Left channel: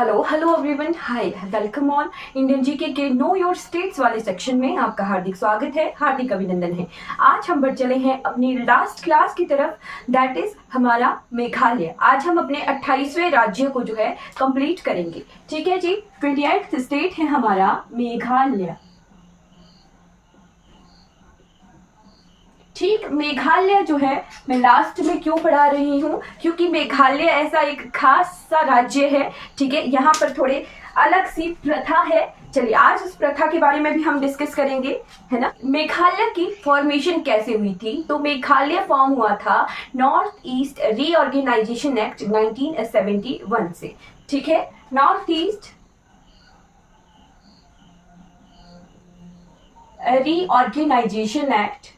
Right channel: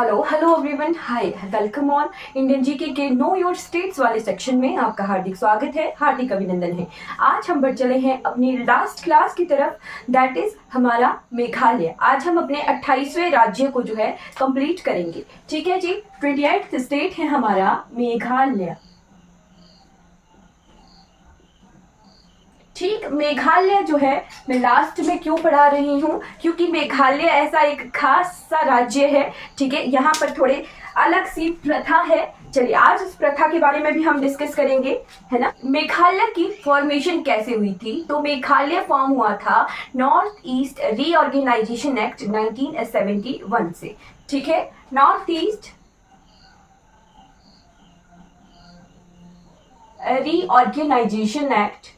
Hello hello everyone, hi, welcome on Indian GK के know your states वाले section में आपका हार्दिक स्वागत है, हार्दिक अभिनंदन है। आज हम बढ़ चले हैं अपनी लास्ट क्लास की तरफ, दैट इज हमारा मेघालय। आज हम अपने 28वें राज्य को जो है कंप्लीट करेंगे। ठीक है जी, 28th स्टेट है हमारा मेघालय। ठीक, मेघालय जो है मैं लास्ट में क्यों पढ़ा रही हूँ, क्योंकि मेघालय ऐसा एक खास सा राज्य है। ठीक है, यहाँ पर थोड़े अलग सी प्रथा है। चलिए आज उस प्रथा के बारे में भी हम डिस्कस करेंगे, है ना। मेघालय की फॉर्मेशन कैसे हुई थी, तो मेघालय फॉर्म हुआ था नॉर्थ ईस्ट रीऑर्गेनाइजेशन एक्ट 1971 से। ठीक है, नॉर्थ ईस्ट रीऑर्गेनाइजेशन एक्ट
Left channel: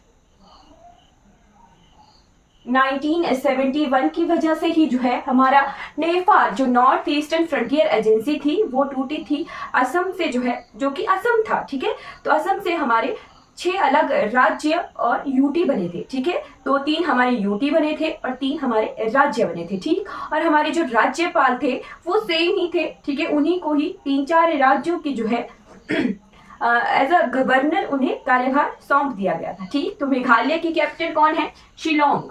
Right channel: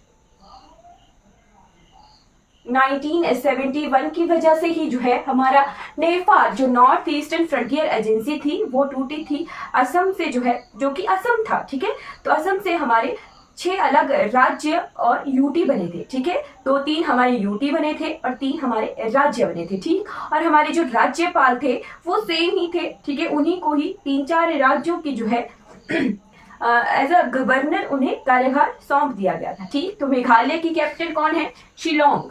1971 की वजह से ही जो है हमारा नेपाल जो नॉर्थ ईस्टर्न फ्रंटियर एजेंसी थी वो टूटी थी असम से, जो है जो कि असम था। ठीक है, तो असम से हमारे 6 अलग राज्य और यूटी बने थे। ठीक है, तो 3 हमारे यूटी बने थे और 3 हमारे राज्य बने थे। ठीक, और हमारे जो राज्यपाल थे वो सेम ही थे। ठीक है, उन्हीं को ही 3-4 राज्यों की जो है एज अ गवर्नर उन्हें कार्यभार सौंप दिया गया था। ठीक, तो मेघालय की कैपिटल कौन है? शिलोंग।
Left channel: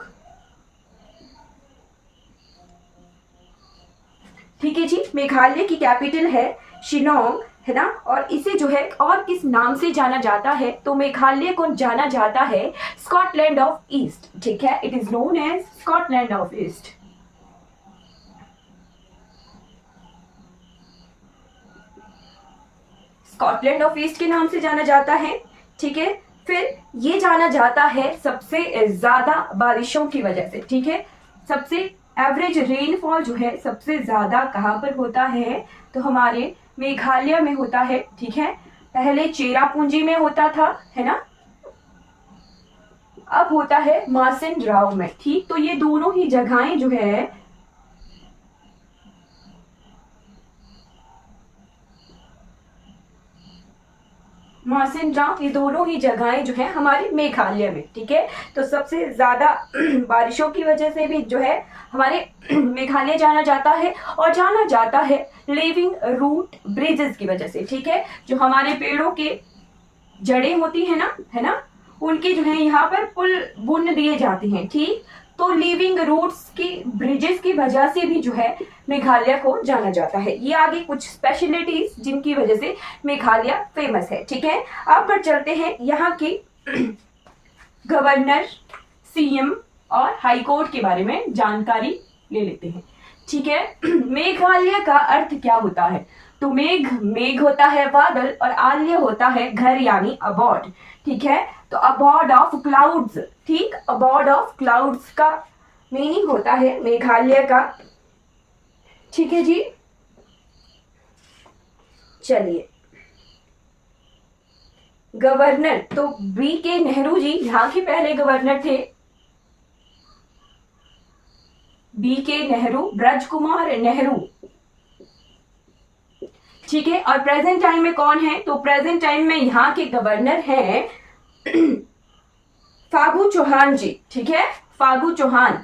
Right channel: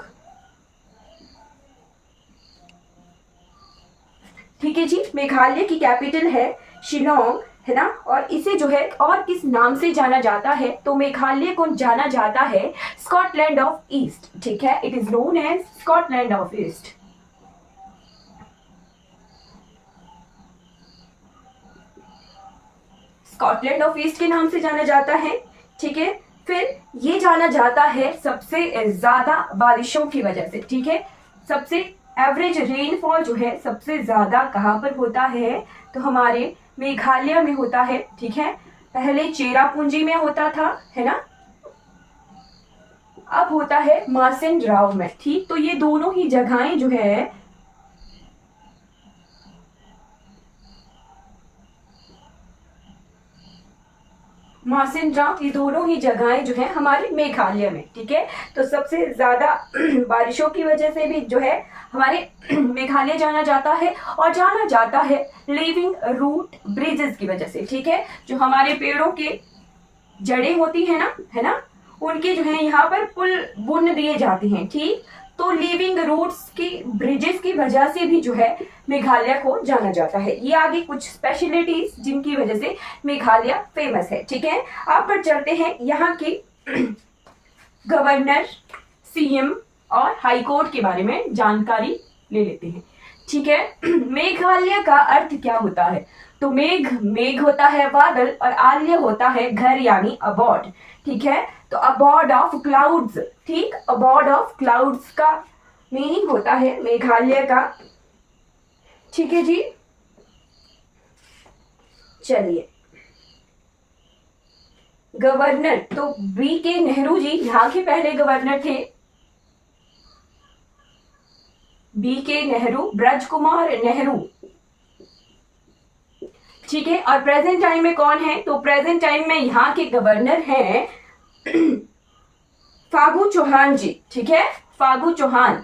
ठीक है जी, मेघालय की कैपिटल है शिलोंग, है ना। और इसे जो है और किस नाम से जाना जाता है, तो मेघालय को जाना जाता है स्कॉटलैंड ऑफ ईस्ट। ठीक है, it is known as Scotland of east. Scotland of east के नाम से जाना जाता है। ठीक है, फिर ये जाना जाता है सबसे ज्यादा बारिशों की वजह से। ठीक है, सबसे एवरेज रेनफॉल जो है सबसे ज्यादा कहाँ पर होता है, तो हमारे मेघालय में होता है। ठीक है, पहले चेरापूंजी में होता था, है ना, अब होता है मासिन राव में। ठीक, तो ये दोनों ही जगहें जो है मासिनराम, ये दोनों ही जगहें जो है हमारे मेघालय में। ठीक है, तो सबसे ज्यादा बारिशों की वजह से भी जो है हमारे मेघालय जाना जाता है, और जाना जाता है लिविंग रूट ब्रिजेस की वजह से। ठीक है, जो हमारे पेड़ों के जड़ें होती है ना, है ना, उनके जो है यहाँ पर पुल बुन दिए जाते हैं। ठीक, तो लिविंग रूट्स की ब्रिजेस की वजह से भी जो है मेघालय को जाना जाता है। ये आगे कुछ स्पेशलिटीज जिनकी वजह से मेघालय फेमस है। ठीक है, अब पर चलते हैं यहाँ के गवर्नर, सीएम और हाई कोर्ट के बारे में जानकारी ले लेते हैं। ठीक है, मेघालय का अर्थ क्या होता है, तो मेघ होता है बादल, और आल्य होता है घर यानी अबॉर्ड। ठीक है, तो अबॉर्ड ऑफ क्लाउड्स। ठीक, अबॉर्ड ऑफ क्लाउड्स का मीनिंग होता है मेघालय का। ठीक है जी, चलिए गवर्नर, तो बी के नेहरू जी यहाँ के पहले गवर्नर थे। बी के नेहरू, ब्रज कुमार नेहरू। ठीक है, और प्रेजेंट टाइम में कौन है, तो प्रेजेंट टाइम में यहाँ के गवर्नर हैं फागू चौहान जी। ठीक है, फागू चौहान।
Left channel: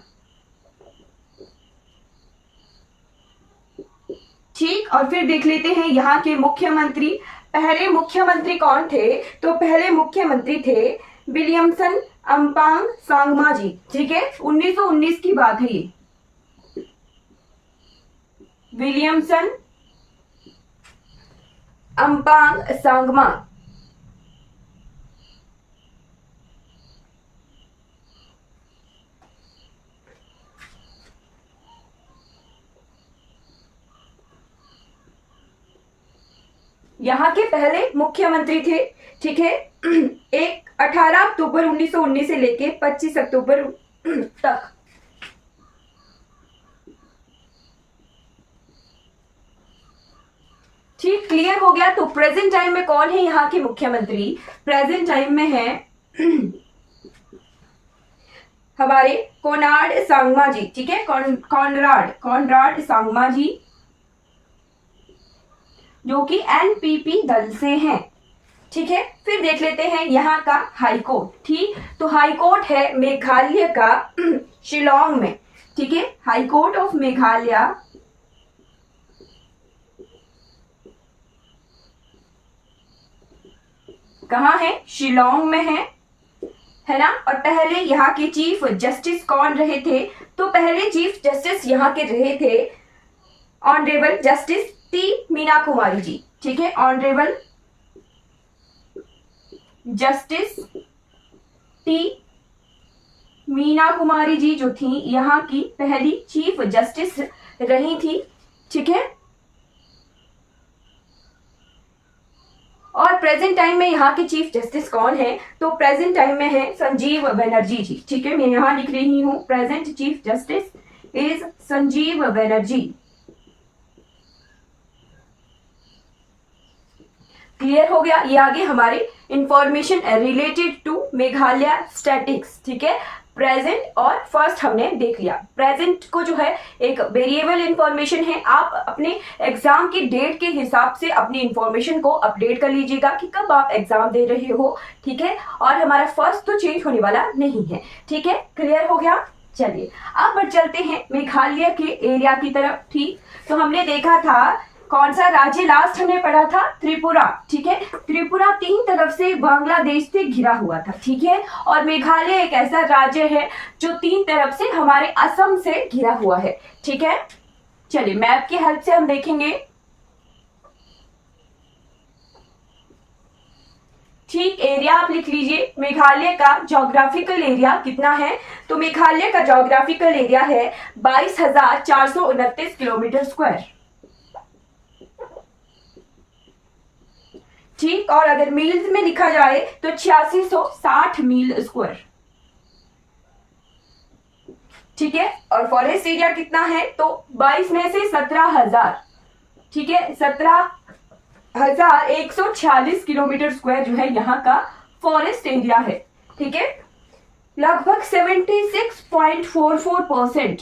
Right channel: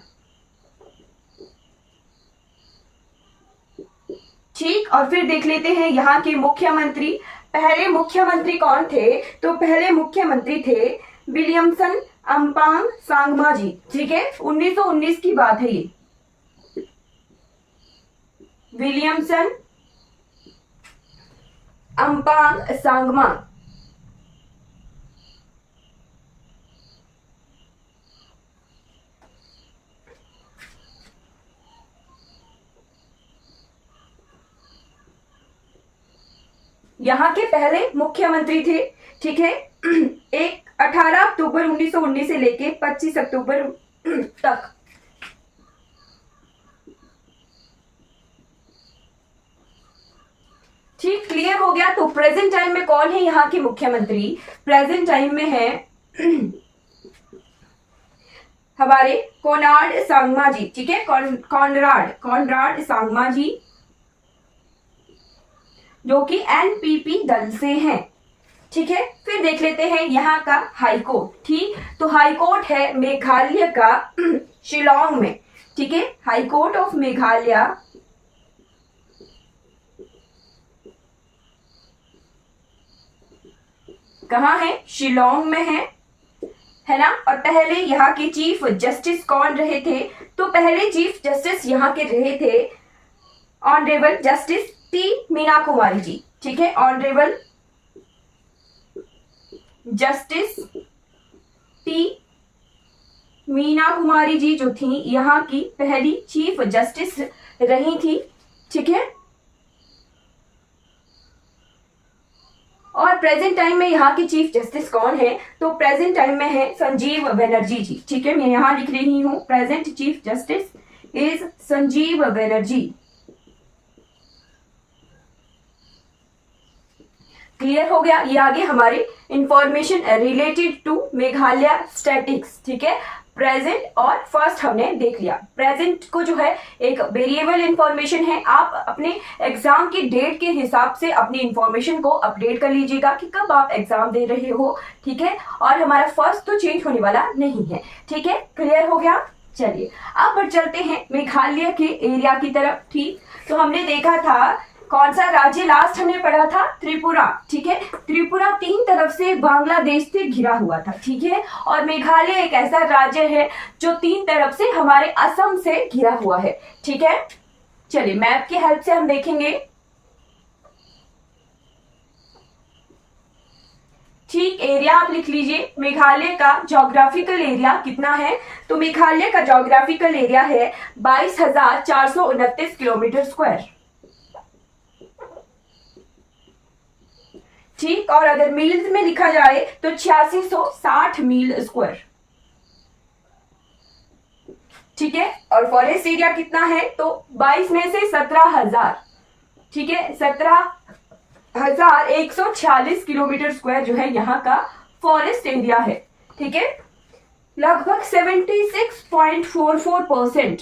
ठीक, और फिर देख लेते हैं यहाँ के मुख्यमंत्री। पहले मुख्यमंत्री कौन थे, तो पहले मुख्यमंत्री थे विलियमसन अम्पांग सांगमा जी। ठीक है, 1919 की बात है ये। विलियमसन अम्पांग सांगमा। यहाँ के पहले मुख्यमंत्री थे। ठीक है, 18 अक्टूबर 1919 से लेके 25 अक्टूबर तक। ठीक, क्लियर हो गया। तो प्रेजेंट टाइम में कौन है यहाँ के मुख्यमंत्री, प्रेजेंट टाइम में है हमारे कोनार्ड सांगमा जी। ठीक है, कॉनराड सांगमा जी, जो कि एनपीपी दल से हैं। ठीक है, फिर देख लेते हैं यहाँ का हाई कोर्ट। ठीक, तो हाई कोर्ट है मेघालय का शिलोंग में। ठीक है, हाई कोर्ट ऑफ मेघालय कहाँ है? शिलोंग में है ना। और पहले यहाँ के चीफ जस्टिस कौन रहे थे? तो पहले चीफ जस्टिस यहाँ के रहे थे honourable justice T Meena Kumari ji. ठीक है, honourable justice T Meena Kumari ji जो थी यहाँ की पहली चीफ जस्टिस रही थी। ठीक है, और प्रेजेंट टाइम में यहाँ के चीफ जस्टिस कौन है? तो प्रेजेंट टाइम में है संजीव बनर्जी जी। ठीक है, मैं यहाँ लिख रही हूँ present chief justice is Sanjib Banerjee. Clear हो गया? ये आगे हमारे information related to Meghalaya statics. ठीक है, प्रेजेंट और फर्स्ट हमने देख लिया। प्रेजेंट को जो है एक वेरिएबल इंफॉर्मेशन है, आप अपने एग्जाम की डेट के हिसाब से अपनी इंफॉर्मेशन को अपडेट कर लीजिएगा कि कब आप एग्जाम दे रहे हो। ठीक है, और हमारा फर्स्ट तो चेंज होने वाला नहीं है। ठीक है, क्लियर हो गया? चलिए अब बढ़ चलते हैं मेघालय के एरिया की तरफ। ठीक, तो हमने देखा था कौन सा राज्य लास्ट हमने पढ़ा था? त्रिपुरा। ठीक है, त्रिपुरा 3 तरफ से बांग्लादेश से घिरा हुआ था। ठीक है, और मेघालय एक ऐसा राज्य है जो 3 तरफ से हमारे असम से घिरा हुआ है। ठीक है, चलिए मैप की हेल्प से हम देखेंगे। ठीक, एरिया आप लिख लीजिए। मेघालय का ज्योग्राफिकल एरिया कितना है? तो मेघालय का ज्योग्राफिकल एरिया है 22,429 किलोमीटर स्क्वायर। ठीक, और अगर मील्स में लिखा जाए तो 8660 मील स्क्वायर। ठीक है, और फॉरेस्ट एरिया कितना है? तो 22 में से 17,000। ठीक है, 17,146 किलोमीटर स्क्वायर जो है यहाँ का फॉरेस्ट एरिया है। ठीक है, लगभग 76.44%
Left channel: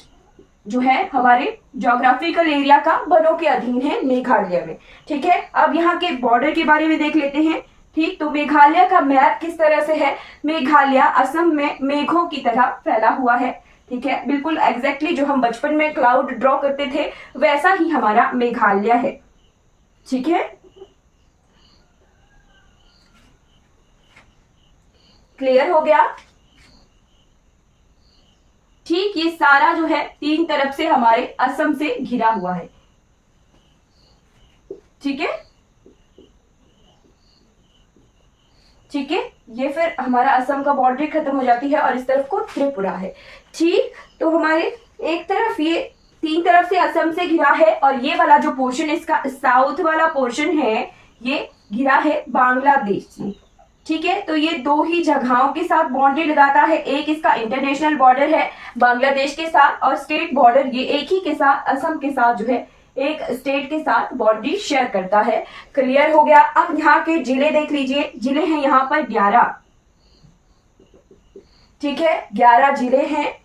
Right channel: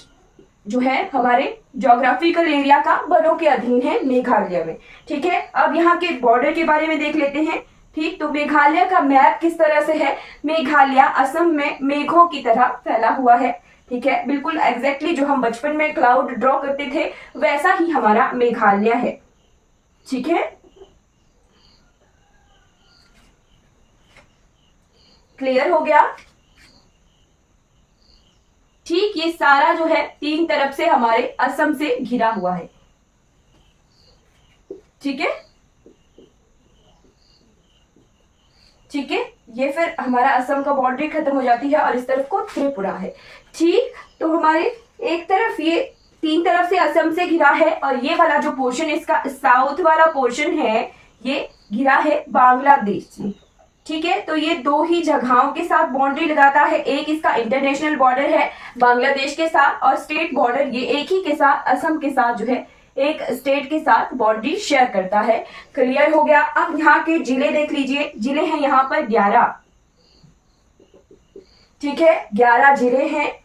जो है हमारे ज्योग्राफिकल एरिया का वनों के अधीन है मेघालय में। ठीक है, अब यहाँ के बॉर्डर के बारे में देख लेते हैं। ठीक, तो मेघालय का मैप किस तरह से है? मेघालय असम में मेघों की तरह फैला हुआ है। ठीक है, बिल्कुल एग्जैक्टली जो हम बचपन में क्लाउड ड्रॉ करते थे वैसा ही हमारा मेघालय है। ठीक है, क्लियर हो गया? ठीक, ये सारा जो है 3 तरफ से हमारे असम से घिरा हुआ है। ठीक है, ठीक है, ये फिर हमारा असम का बाउंड्री खत्म हो जाती है और इस तरफ को त्रिपुरा है। ठीक, तो हमारे एक तरफ ये 3 तरफ से असम से घिरा है और ये वाला जो पोर्शन इसका साउथ वाला पोर्शन है ये घिरा है बांग्लादेश से। ठीक है, तो ये 2 ही जगहों के साथ बाउंड्री लगाता है। एक इसका इंटरनेशनल बॉर्डर है बांग्लादेश के साथ और स्टेट बॉर्डर ये एक ही के साथ असम के साथ जो है एक स्टेट के साथ बाउंड्री शेयर करता है। क्लियर हो गया? अब यहाँ के जिले देख लीजिए। जिले हैं यहाँ पर 11। ठीक है, 11 जिले हैं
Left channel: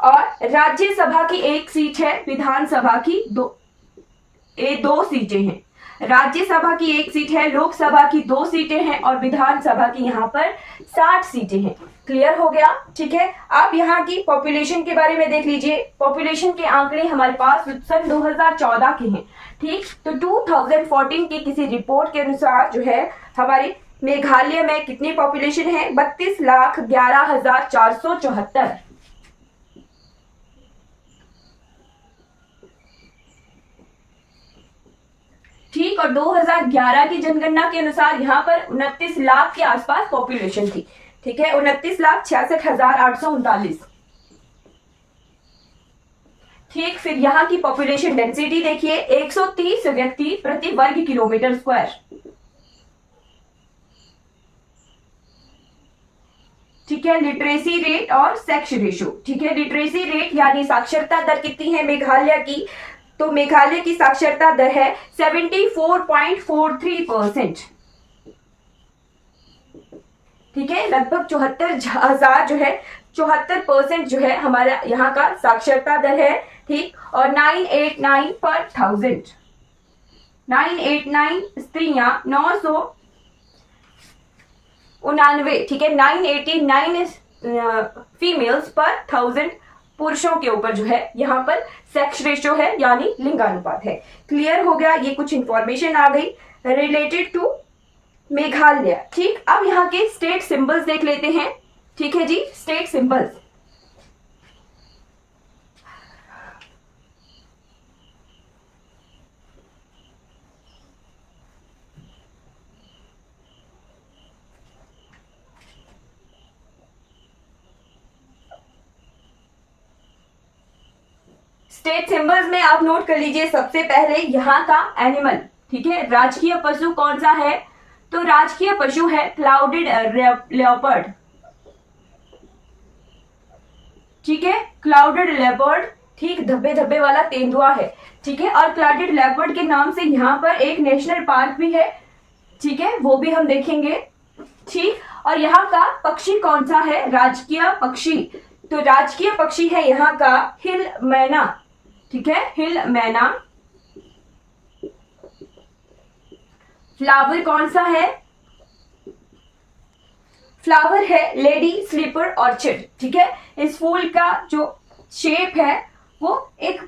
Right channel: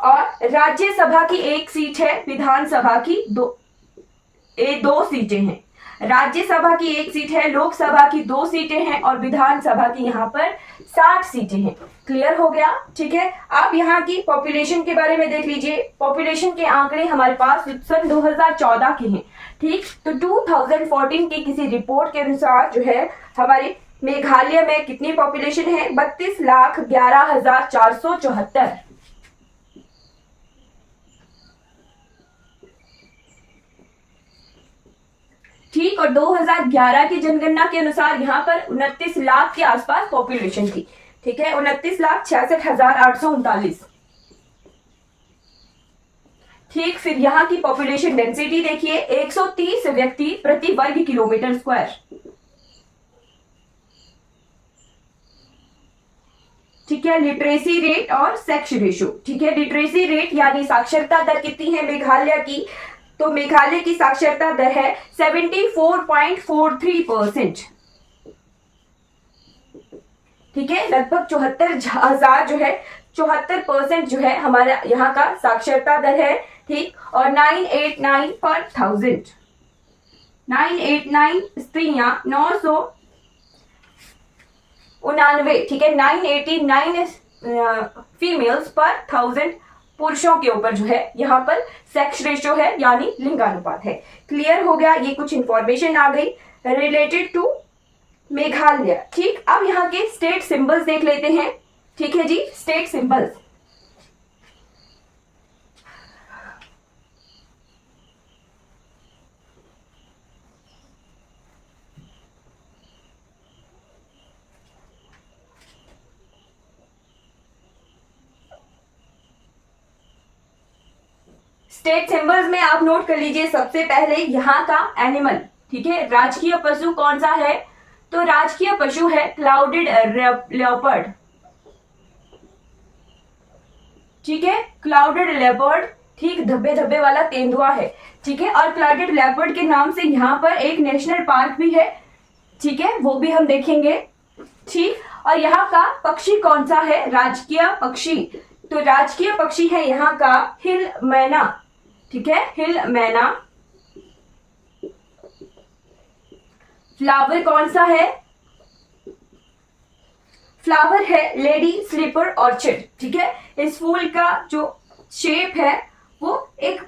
और राज्यसभा की 1 सीट है, विधानसभा की 2 सीटें हैं। राज्यसभा की 1 सीट है, लोकसभा की 2 सीटें हैं और विधानसभा की यहाँ पर 60 सीटें हैं। क्लियर हो गया? ठीक है, अब यहाँ की पॉपुलेशन के बारे में देख लीजिए। पॉपुलेशन के आंकड़े हमारे पास सन 2014 के हैं। ठीक, तो 2014 की किसी रिपोर्ट के अनुसार जो है हमारे मेघालय में कितनी पॉपुलेशन है? 32,11,474। ठीक, और 2011 की जनगणना के अनुसार यहाँ पर 29 लाख के आसपास पॉपुलेशन थी। ठीक है, 29,66,839। ठीक, फिर यहाँ की पॉपुलेशन डेंसिटी देखिए 130 व्यक्ति प्रति वर्ग किलोमीटर स्क्वायर। ठीक है, लिटरेसी रेट और सेक्स रेशियो। ठीक है, लिटरेसी रेट यानी साक्षरता दर कितनी है मेघालय की? तो मेघालय की साक्षरता दर है 74.43%। ठीक है, लगभग 74,000 जो है 74% जो है हमारा यहाँ का साक्षरता दर है। ठीक, और 989 पर 1000, 989 स्त्रियां 999। ठीक है, 989 फीमेल्स पर 1000 पुरुषों के ऊपर जो है यहाँ पर सेक्स रेशियो है यानी लिंगानुपात है। क्लियर हो गया? ये कुछ इंफॉर्मेशन आ गई रिलेटेड टू मेघालय। ठीक, अब यहाँ के स्टेट सिंबल्स देख लेते हैं। ठीक है जी, स्टेट सिंबल्स। स्टेट सिंबल्स में आप नोट कर लीजिए सबसे पहले यहाँ का एनिमल। ठीक है, राजकीय पशु कौन सा है? तो राजकीय पशु है क्लाउडेड लेपर्ड। ठीक है, क्लाउडेड लेपर्ड। ठीक, धब्बे धब्बे वाला तेंदुआ है। ठीक है, और क्लाउडेड लेपर्ड के नाम से यहाँ पर एक नेशनल पार्क भी है। ठीक है, वो भी हम देखेंगे। ठीक, और यहाँ का पक्षी कौन सा है? राजकीय पक्षी। तो राजकीय पक्षी है यहाँ का हिल मैना। ठीक है, हिल मैना। फ्लावर कौन सा है? फ्लावर है लेडी स्लीपर ऑर्चिड। ठीक है, इस फूल का जो शेप है वो एक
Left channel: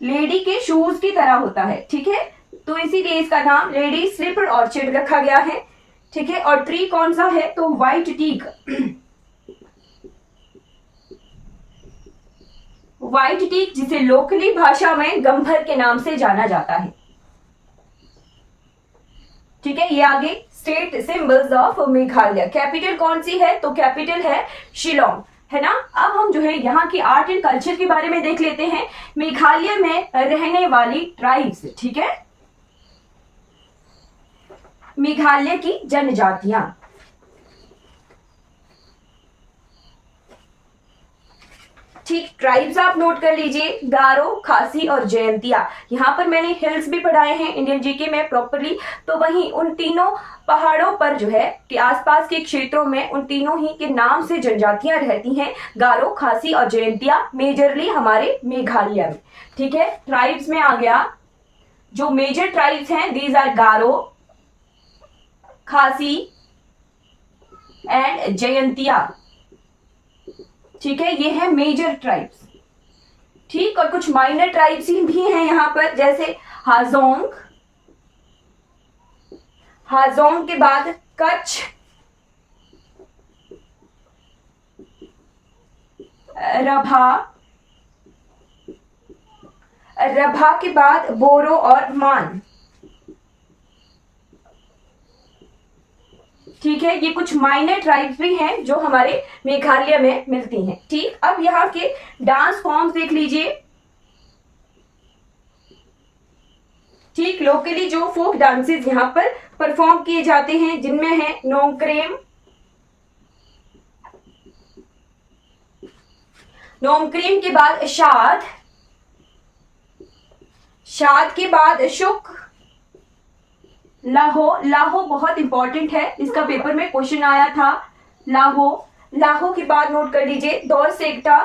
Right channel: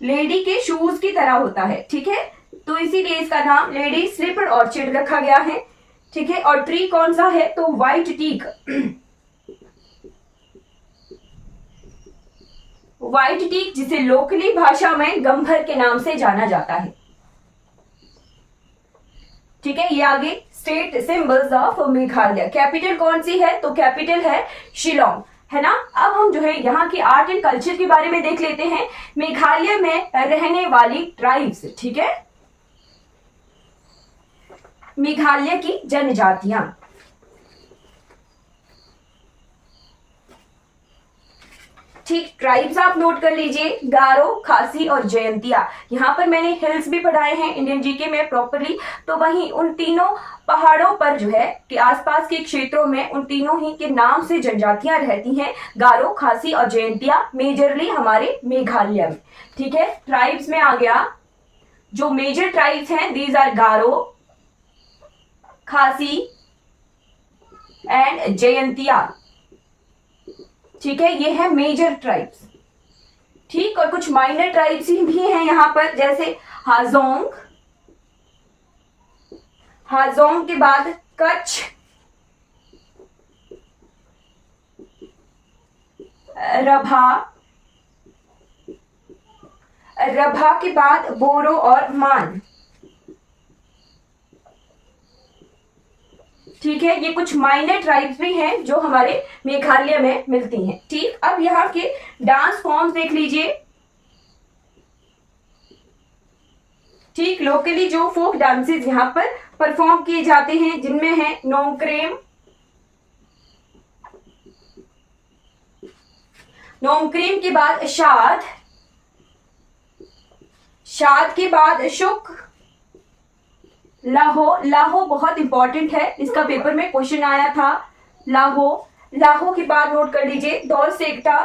लेडी के शूज की तरह होता है। ठीक है, तो इसीलिए इसका नाम लेडी स्लीपर ऑर्चिड रखा गया है। ठीक है, और ट्री कौन सा है? तो व्हाइट टीक। व्हाइट टीक, जिसे लोकली भाषा में गंभर के नाम से जाना जाता है। ठीक है, ये आगे state symbols of Meghalaya. Capital कौन सी है? तो कैपिटल है शिलोंग, है ना। अब हम जो है यहाँ की आर्ट एंड कल्चर के बारे में देख लेते हैं। मेघालय में रहने वाली ट्राइब्स। ठीक है, मेघालय की जनजातियां। ठीक, ट्राइब्स आप नोट कर लीजिए, गारो, खासी और जयंतिया। यहाँ पर मैंने हिल्स भी पढ़ाए हैं इंडियन जीके में प्रॉपरली, तो वहीं उन तीनों पहाड़ों पर जो है कि आसपास के क्षेत्रों में उन तीनों ही के नाम से जनजातियां रहती हैं, गारो, खासी और जयंतिया, मेजरली हमारे मेघालय में। ठीक है, ट्राइब्स में आ गया, जो मेजर ट्राइब्स हैं दीज आर गारो, खासी एंड जयंतिया। ठीक है, ये है मेजर ट्राइब्स। ठीक, और कुछ माइनर ट्राइब्स भी हैं यहाँ पर, जैसे हाजोंग। हाजोंग के बाद कच्छ, रभा, रभा के बाद बोरो और मान। ठीक है, ये कुछ माइनर ट्राइब्स भी हैं जो हमारे मेघालय में मिलती हैं। ठीक, अब यहाँ के डांस फॉर्म्स देख लीजिए। ठीक, लोकली जो फोक डांसेस यहाँ पर परफॉर्म किए जाते हैं, जिनमें है नोंगक्रेम, नोंगक्रेम के बाद शाद, शाद के बाद शुक, लाहो। लाहो बहुत इंपॉर्टेंट है, इसका पेपर में क्वेश्चन आया था। लाहो, लाहो के बाद नोट कर लीजिए दौर सेकटा,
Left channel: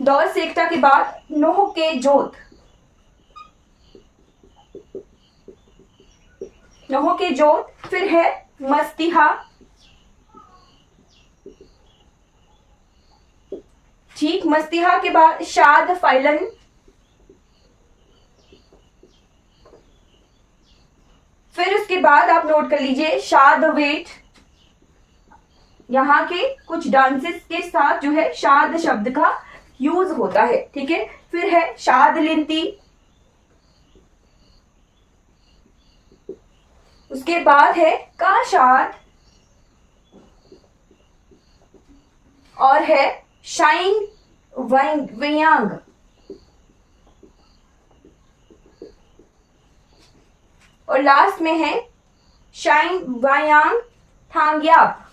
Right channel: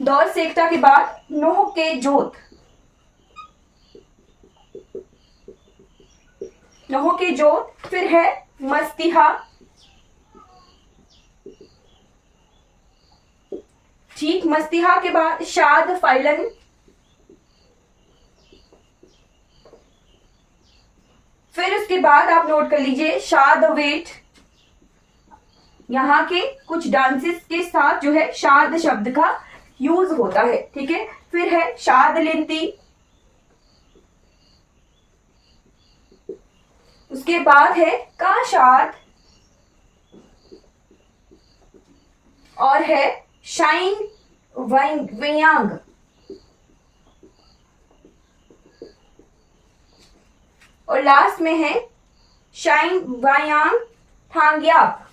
दौर सेकटा के बाद नोह के जोत, नोह के जोत। फिर है मस्तिहा। ठीक, मस्तिहा के बाद शाद फाइलन। फिर उसके बाद आप नोट कर लीजिए शाद वेट। यहाँ के कुछ डांसेस के साथ जो है शाद शब्द का यूज होता है। ठीक है, फिर है शाद लिंती। उसके बाद है काशाद और है शाइन वयांग। और लास्ट में है शाइन वायांग थांग्याप।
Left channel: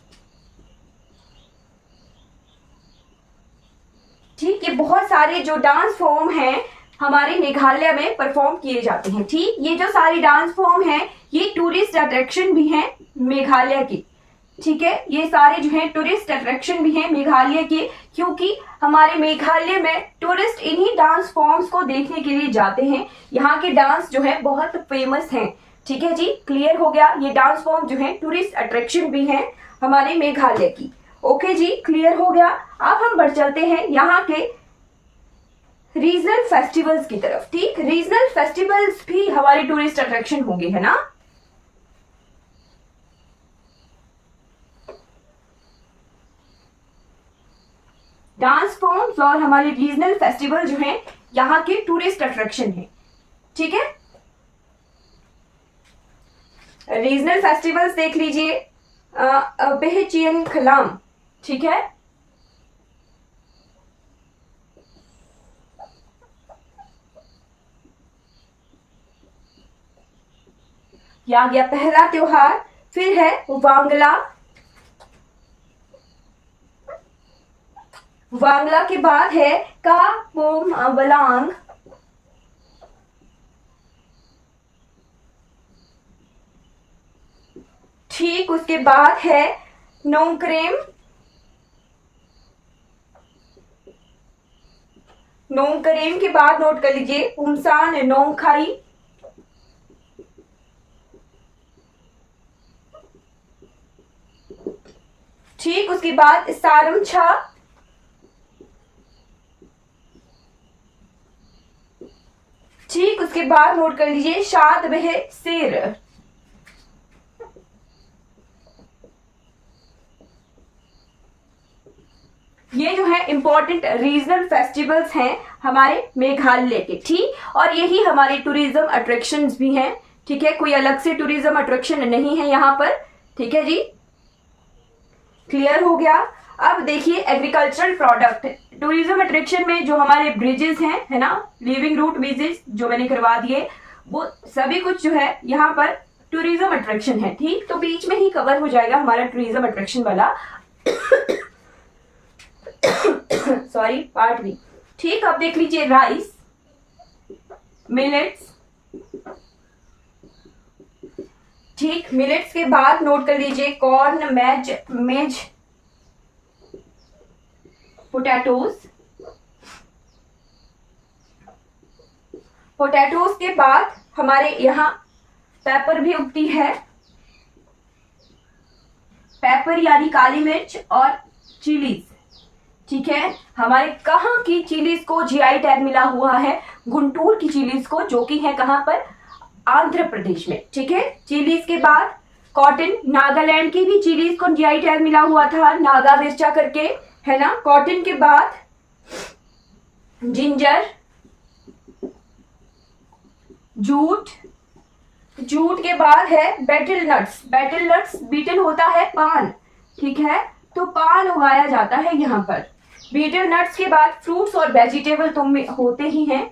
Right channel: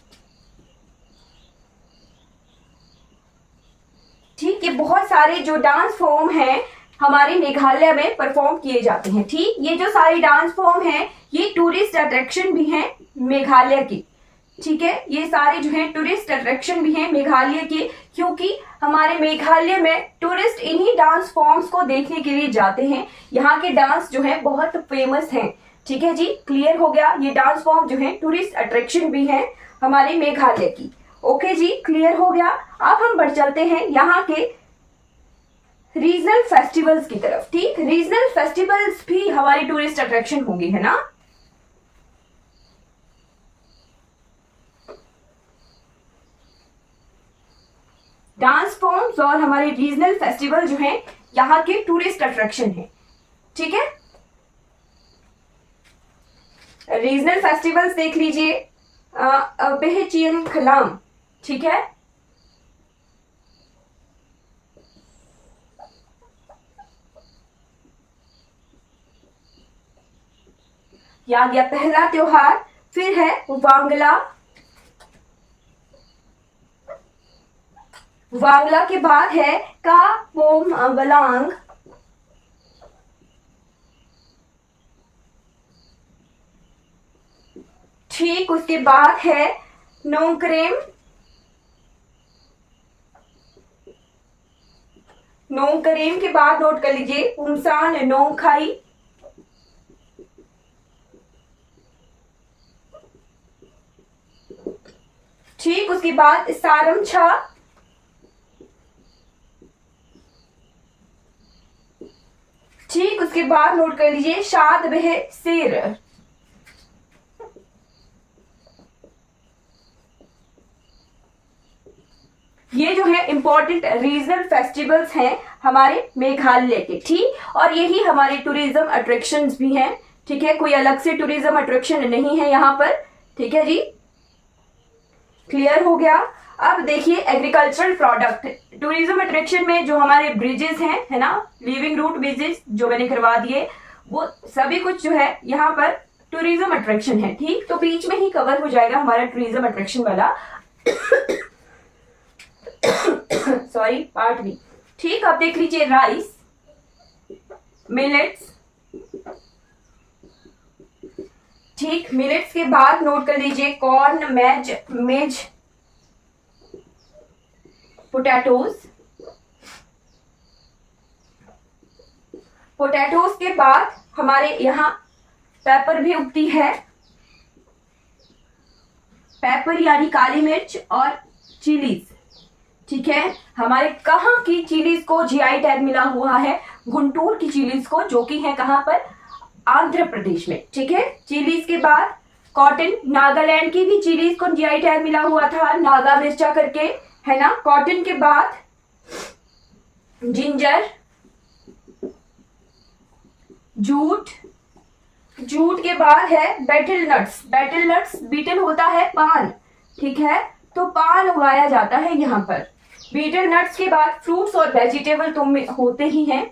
ठीक, ये बहुत सारे जो डांस फॉर्म हैं हमारे मेघालय में परफॉर्म किए जाते हैं। ठीक, ये जो सारी डांस फॉर्म हैं ये टूरिस्ट अट्रैक्शन भी हैं मेघालय की। ठीक है, ये सारे जो हैं टूरिस्ट अट्रैक्शन भी हैं मेघालय के, क्योंकि हमारे मेघालय में टूरिस्ट इन्हीं डांस फॉर्म्स को देखने के लिए जाते हैं। यहाँ के डांस जो है बहुत फेमस हैं। ठीक है जी, क्लियर हो गया। ये डांस फॉर्म जो है टूरिस्ट अट्रैक्शन भी हैं हमारे मेघालय की। ओके जी, क्लियर हो गया। अब हम बढ़ चलते हैं यहाँ के रीजनल फेस्टिवल्स की तरफ। ठीक, रीजनल फेस्टिवल्स भी हमारे टूरिस्ट अट्रैक्शन होंगे, है ना। डांस फॉर्म्स और हमारे रीजनल फेस्टिवल जो हैं यहाँ के टूरिस्ट अट्रैक्शन है। ठीक है, रीजनल फेस्टिवल्स देख लीजिए, बेहचियन खलाम। ठीक है, या गया पहला त्योहार। फिर है वांगला, वांगला के बाद है कापोम वलांग। ठीक, उसके बाद है नोंगक्रेम, नोंगक्रेम के बाद नोट कर लीजिए उमसान नोंगखाई। ठीक, उसके बाद सारमछा। ठीक, उसके बाद नोट कर लीजिए शाद बह सिर। ये जो है इंपॉर्टेंट रीजनल फेस्टिवल्स हैं हमारे मेघालय के। ठीक, और यही हमारे टूरिज्म अट्रैक्शंस भी हैं। ठीक है, कोई अलग से टूरिज्म अट्रैक्शन नहीं है यहाँ पर। ठीक है जी, क्लियर हो गया। अब देखिए एग्रीकल्चरल प्रोडक्ट, टूरिज्म अट्रैक्शन में जो हमारे ब्रिजेस हैं, है ना, लिविंग रूट ब्रिजेस जो मैंने करवा दिए, वो सभी कुछ जो है यहाँ पर टूरिज्म अट्रैक्शन है। ठीक, तो बीच में ही कवर हो जाएगा हमारा टूरिज्म अट्रैक्शन वाला सॉरी पार्ट भी। ठीक, अब देख लीजिए राइस, मिलेट्स। ठीक, मिलेट्स के बाद नोट कर लीजिए कॉर्न, मेज, पोटैटोज। पोटैटोज के बाद हमारे यहाँ पेपर भी उगती है, पेपर यानी काली मिर्च और चिलीज। ठीक है, हमारे कहाँ की चिलीज को जीआई टैग मिला हुआ है, गुंटूर की चिलीज को, जो कि है कहाँ पर, आंध्र प्रदेश में। ठीक है, चिलीज के बाद कॉटन, नागालैंड की भी चिलीज को जीआई टैग मिला हुआ था, नागा मिर्चा करके, है ना। कॉटन के बाद जिंजर, जूट, जूट के बाद है betel nuts. Betel nuts, betel होता है पान। ठीक है, तो पान उगाया जाता है यहाँ पर। बीटल नट्स के बाद फ्रूट्स और वेजिटेबल तो होते ही हैं।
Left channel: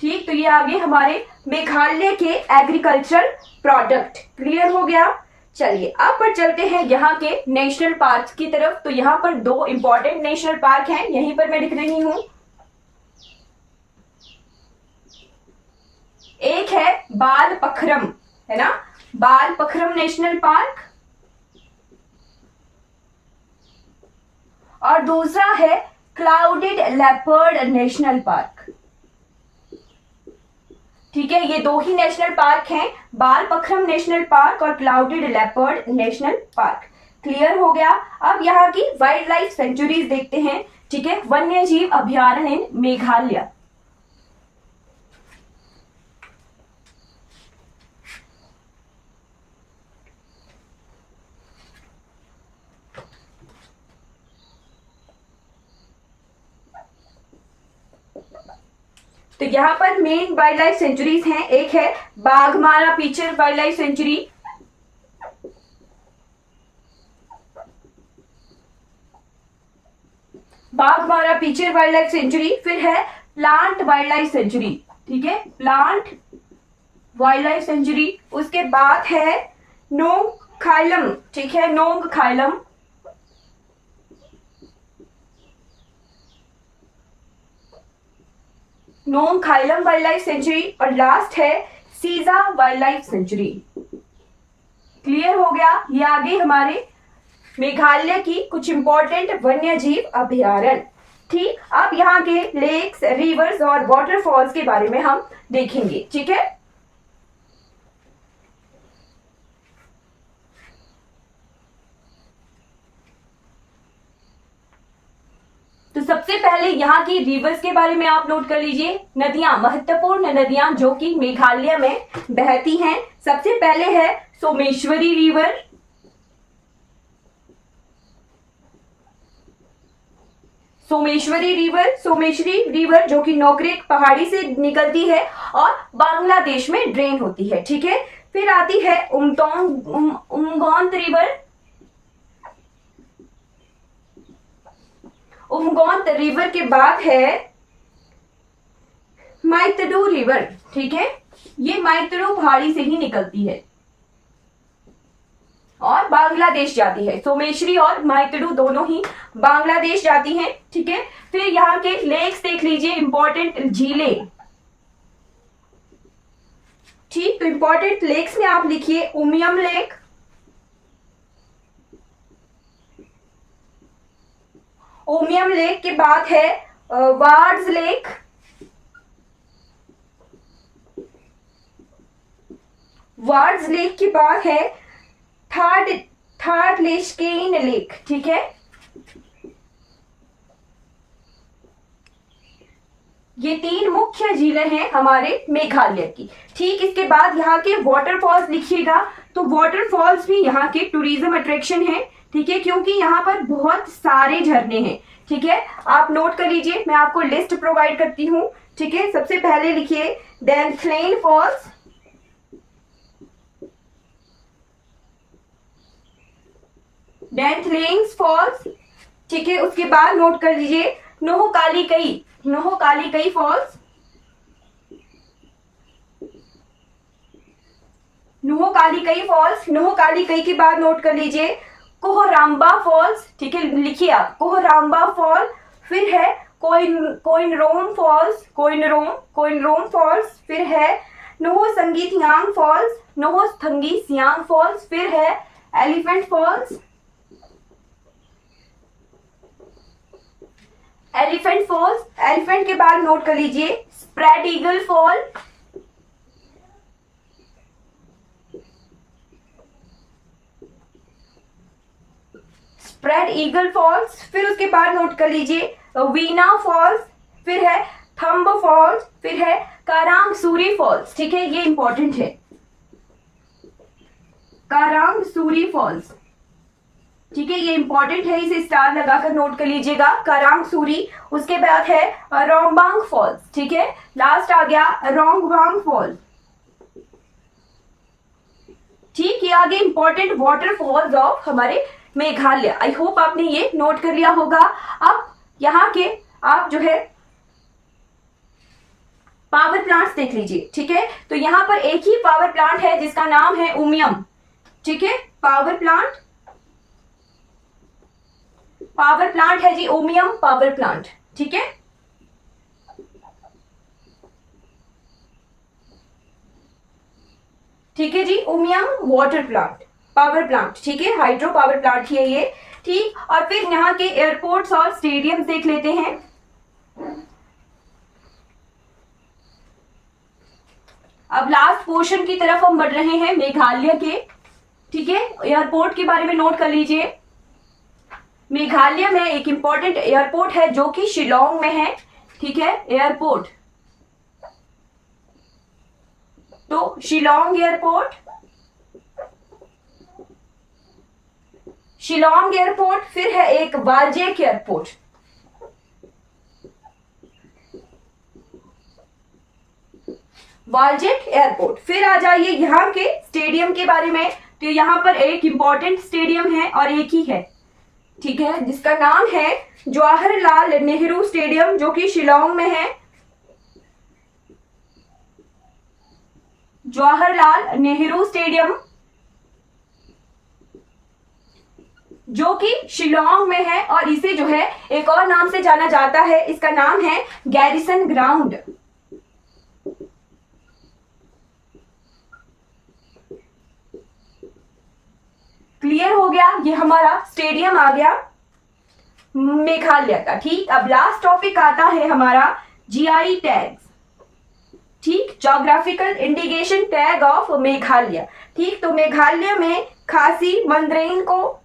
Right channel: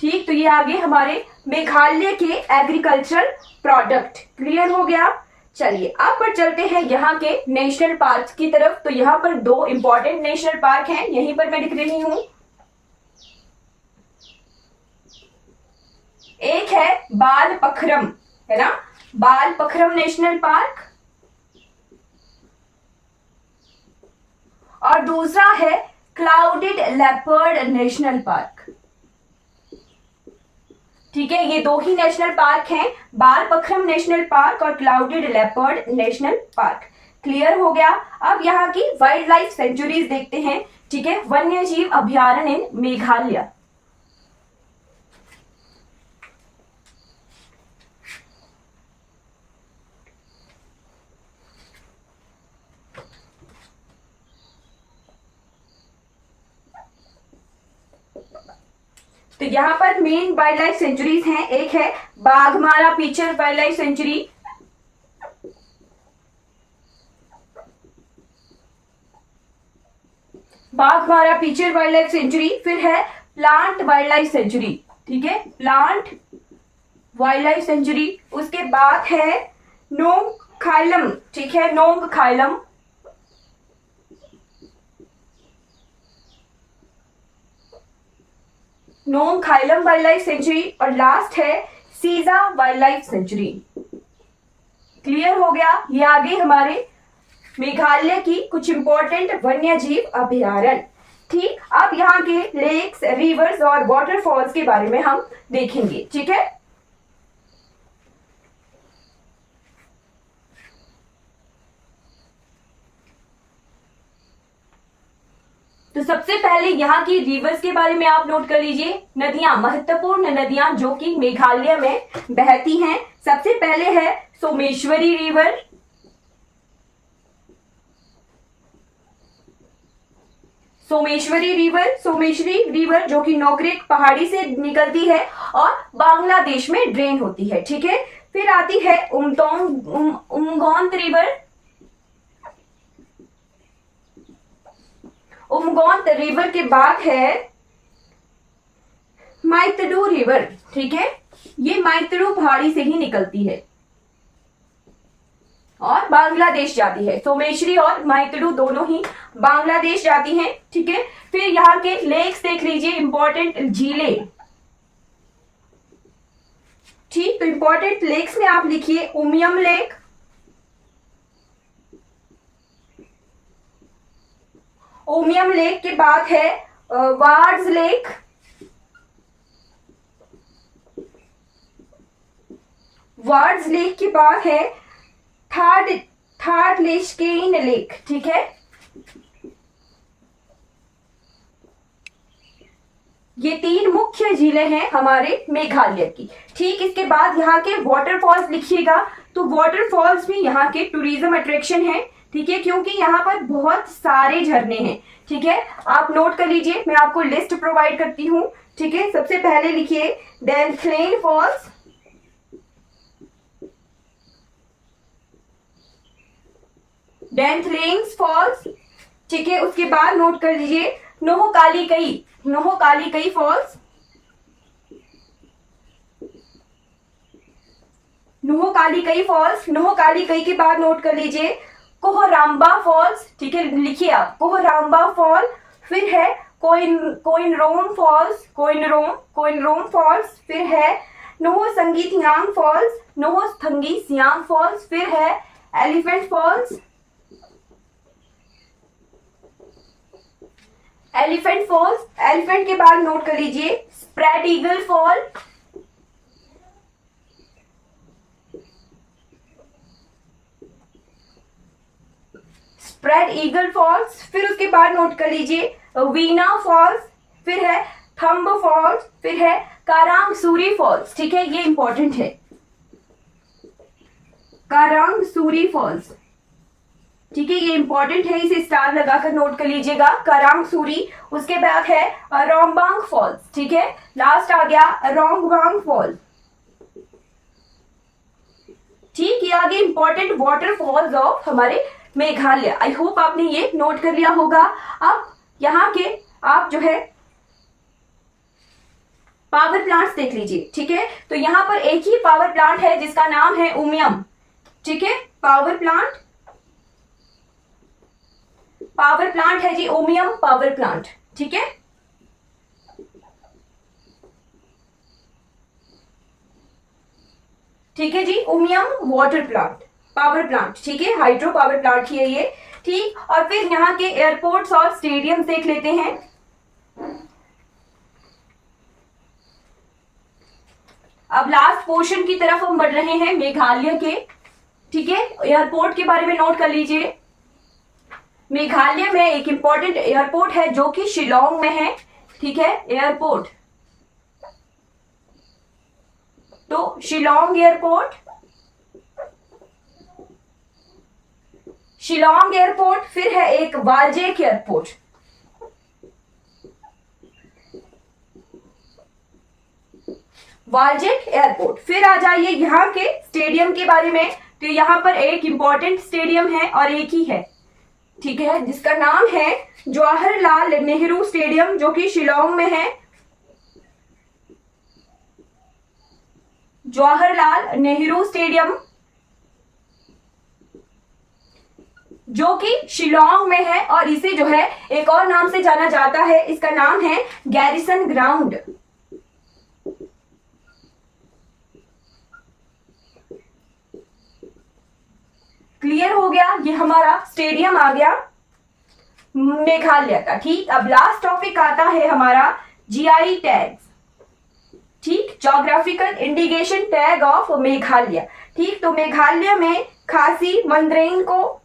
ठीक, तो ये आगे हमारे मेघालय के एग्रीकल्चरल प्रोडक्ट। क्लियर हो गया। चलिए अब पर चलते हैं यहाँ के नेशनल पार्क की तरफ। तो यहाँ पर दो इंपॉर्टेंट नेशनल पार्क हैं, यहीं पर मैं लिख रही हूं। एक है बाल पखरम, है ना, बाल पखरम नेशनल पार्क, और दूसरा है क्लाउडेड लेपर्ड नेशनल पार्क। ठीक है, ये दो ही नेशनल पार्क हैं, बाल पखरम नेशनल पार्क और clouded leopard national park. Clear हो गया। अब यहाँ की वाइल्ड लाइफ सेंचुरीज देखते हैं। ठीक है, वन्य जीव अभ्यारण्य इन मेघालय। तो यहाँ पर मेन वाइल्ड लाइफ सेंचुरीज हैं। एक है Baghmara pitcher wild life sanctuary, Baghmara pitcher wild life sanctuary. फिर है प्लांट वाइल्ड लाइफ सेंचुरी। ठीक है, प्लांट वाइल्ड लाइफ सेंचुरी। उसके बाद है नोंग खाइलम। ठीक है, नोंग खाइलम। नोंग खाइलम वाइल्ड लाइफ सेंचुरी, और लास्ट है सीजा वाइल्ड लाइफ सेंचुरी। क्लियर हो गया। ये आगे हमारे मेघालय की कुछ इंपॉर्टेंट वन्य जीव अभ्यारण्य। ठीक, अब यहाँ के लेक्स, रिवर्स और वाटरफॉल्स के बारे में हम देखेंगे। ठीक है, पहले यहाँ की रिवर्स के बारे में आप नोट कर लीजिए, नदियां, महत्वपूर्ण नदियां जो कि मेघालय में बहती हैं। सबसे पहले है सोमेश्वरी रिवर, सोमेश्वरी रिवर जो कि नोक्रेक पहाड़ी से निकलती है और बांग्लादेश में ड्रेन होती है, ठीक है। फिर आती है उमगौंत रिवर, उमगौंत रिवर के बाद है माइतडू रिवर, ठीक है। ये माइतडू पहाड़ी से ही निकलती है और बांग्लादेश जाती है। सोमेश्वरी और माइतडू दोनों ही बांग्लादेश जाती हैं, ठीक है। फिर यहाँ के लेक्स देख लीजिए, इंपॉर्टेंट झीलें, ठीक। तो इंपॉर्टेंट लेक्स में आप लिखिए उमियम लेक, उमियम लेक के बाद है वार्ड्स लेक, वार्ड्स लेक के बाद है थर्ड लेस्केन लेक, ठीक है। ये 3 मुख्य झीलें हैं हमारे मेघालय की, ठीक। इसके बाद यहाँ के वाटरफॉल्स लिखिएगा। तो वाटरफॉल्स भी यहाँ के टूरिज्म अट्रैक्शन है, ठीक है, क्योंकि यहाँ पर बहुत सारे झरने हैं, ठीक है। आप नोट कर लीजिए, मैं आपको लिस्ट प्रोवाइड करती हूँ, ठीक है। सबसे पहले लिखिए डैनफ्लेन फॉल्स, डैनफ्लेन्स फॉल्स, ठीक है। उसके बाद नोट कर लीजिए नोहोकालिकई फॉल्स, नोहोकालिकई के बाद नोट कर लीजिए कोहराम्बा फॉल्स, ठीक है, लिखिए आप कोहराम्बा फॉल। फिर है कोइनरोम फॉल्स, फिर है नोहोसंगीथियांग फॉल्स, फिर है एलिफेंट फॉल्स, एलिफेंट के बाद नोट कर लीजिए स्प्रेड ईगल फॉल, फिर उसके बाद नोट कर लीजिए वीना फॉल्स, फिर है थम्ब फॉल्स, फिर है कारांगसूरी फॉल्स, ठीक है। ये इंपॉर्टेंट है, कारांगसूरी फॉल्स, ठीक है, ये इंपॉर्टेंट है, इसे स्टार लगाकर नोट कर लीजिएगा, कारांगसूरी। उसके बाद है रोंगबांग फॉल्स, ठीक है। लास्ट आ गया रोंगबांग फॉल्स, ठीक। ये आगे इंपॉर्टेंट वाटरफॉल्स ऑफ हमारे मेघालय। आई होप आपने ये नोट कर लिया होगा। अब यहाँ के आप जो है पावर प्लांट्स देख लीजिए, ठीक है। तो यहाँ पर एक ही पावर प्लांट है जिसका नाम है उमियम, ठीक है। पावर प्लांट है जी उमियम पावर प्लांट, ठीक है। ठीक है जी, Umiam water plant, power plant, ठीक है, हाइड्रो पावर प्लांट ही है ये, ठीक। और फिर यहाँ के एयरपोर्ट्स और स्टेडियम देख लेते हैं। अब लास्ट पोर्शन की तरफ हम बढ़ रहे हैं मेघालय के, ठीक है। एयरपोर्ट के बारे में नोट कर लीजिए। मेघालय में एक इंपॉर्टेंट एयरपोर्ट है जो कि शिलोंग में है, ठीक है, एयरपोर्ट। तो शिलोंग एयरपोर्ट, फिर है एक वालजेक एयरपोर्ट, फिर आ जाइए यहाँ के स्टेडियम के बारे में। तो यहाँ पर एक इंपॉर्टेंट स्टेडियम है और एक ही है, ठीक है, जिसका नाम है जवाहरलाल नेहरू स्टेडियम जो कि शिलोंग में है। जवाहरलाल नेहरू स्टेडियम जो कि शिलोंग में है और इसे जो है एक और नाम से जाना जाता है, इसका नाम है गैरिसन ग्राउंड। क्लियर हो गया, ये हमारा स्टेडियम आ गया मेघालय का, ठीक। अब लास्ट टॉपिक आता है हमारा जीआई टैग्स, ठीक, geographical indication tag of Meghalaya, ठीक। तो मेघालय में खासी मंदरेन को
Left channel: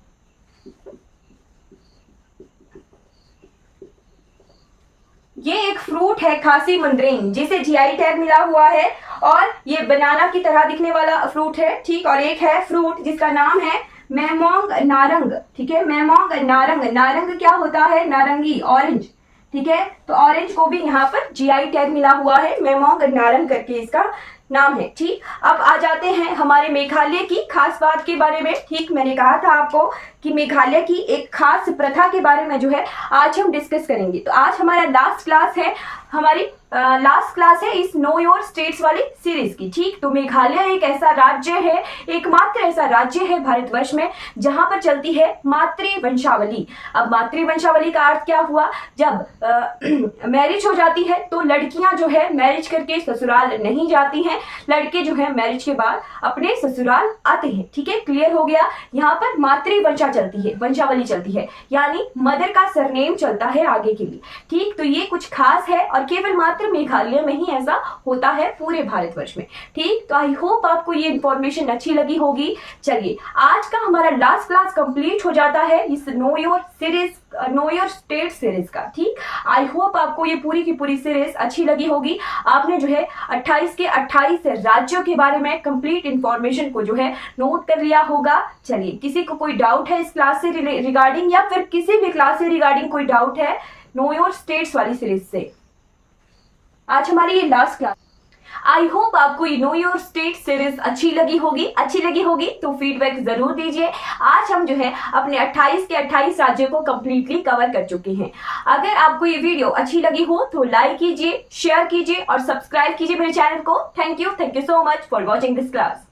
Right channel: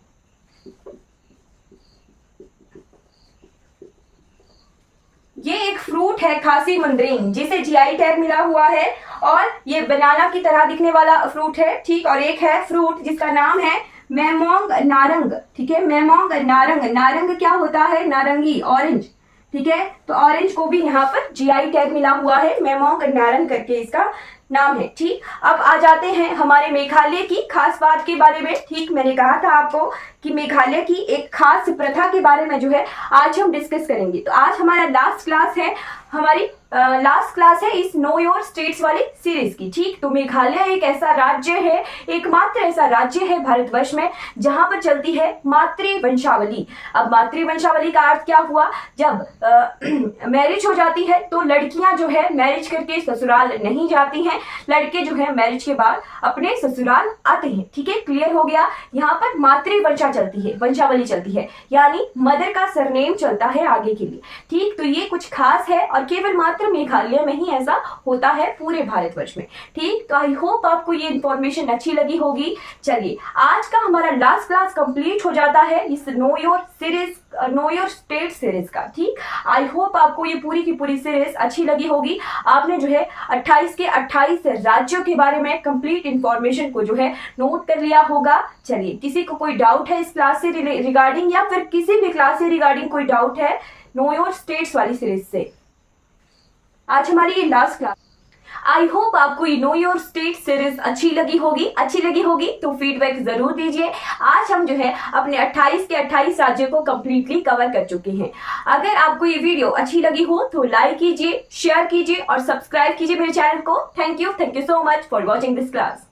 ये एक फ्रूट है खासी मंदरेन, जिसे जीआई टैग मिला हुआ है और ये बनाना की तरह दिखने वाला फ्रूट है, ठीक। और एक है फ्रूट जिसका नाम है मेमोंग नारंग, ठीक है। मेमोंग नारंग, नारंग क्या होता है? नारंगी, ऑरेंज, ठीक है। तो ऑरेंज को भी यहाँ पर जीआई टैग मिला हुआ है, मेमोंग नारंग करके इसका नाम है, ठीक। अब आ जाते हैं हमारे मेघालय की खास बात के बारे में, ठीक। मैंने कहा था आपको कि मेघालय की एक खास प्रथा के बारे में जो है आज हम डिस्कस करेंगे। तो आज हमारा लास्ट क्लास है, हमारी लास्ट क्लास है इस नो योर स्टेट्स वाली सीरीज की, ठीक। तो मेघालय एक ऐसा राज्य है, एकमात्र ऐसा राज्य है भारतवर्ष में जहां पर चलती है मातृवंशावली। अब मातृवंशावली का अर्थ क्या हुआ? जब मैरिज हो जाती है तो लड़कियां जो है मैरिज करके ससुराल नहीं जाती हैं, लड़के जो है मैरिज के बाद अपने ससुराल आते हैं, ठीक है। क्लियर हो गया? यहाँ पर मातृवंशा चलती है, वंशावली चलती है, यानी मदर का सरनेम चलता है आगे के लिए, ठीक। तो ये कुछ खास है और केवल मात्र मेघालय में ही ऐसा होता है पूरे भारतवर्ष में, ठीक। तो आई होप आपको ये इंफॉर्मेशन अच्छी लगी होगी। चलिए, आज का हमारा लास्ट क्लास कंप्लीट हो जाता है इस know your series, know your state series का, ठीक। आई होप आपको ये पूरी की पूरी सीरीज अच्छी लगी होगी। आपने जो है 28 के 28 राज्यों के बारे में कंप्लीट इंफॉर्मेशन को जो है नोट कर लिया होगा। चलिए, किसी को कोई डाउट है इस क्लास से रिगार्डिंग, या फिर किसी भी क्लास से रिगार्डिंग कोई डाउट है नो योर स्टेट्स वाली सीरीज से? आज हमारी ये लास्ट क्लास। आई होप आपको ये नो योर स्टेट सीरीज अच्छी लगी होगी तो फीडबैक जरूर दीजिए। आज हम जो है अपने 28 के 28 राज्यों को कंप्लीटली कवर कर चुके हैं। अगर आपको ये वीडियो अच्छी लगी हो तो लाइक कीजिए, शेयर कीजिए और सब्सक्राइब कीजिए मेरे चैनल को। Thank you so much for watching this class.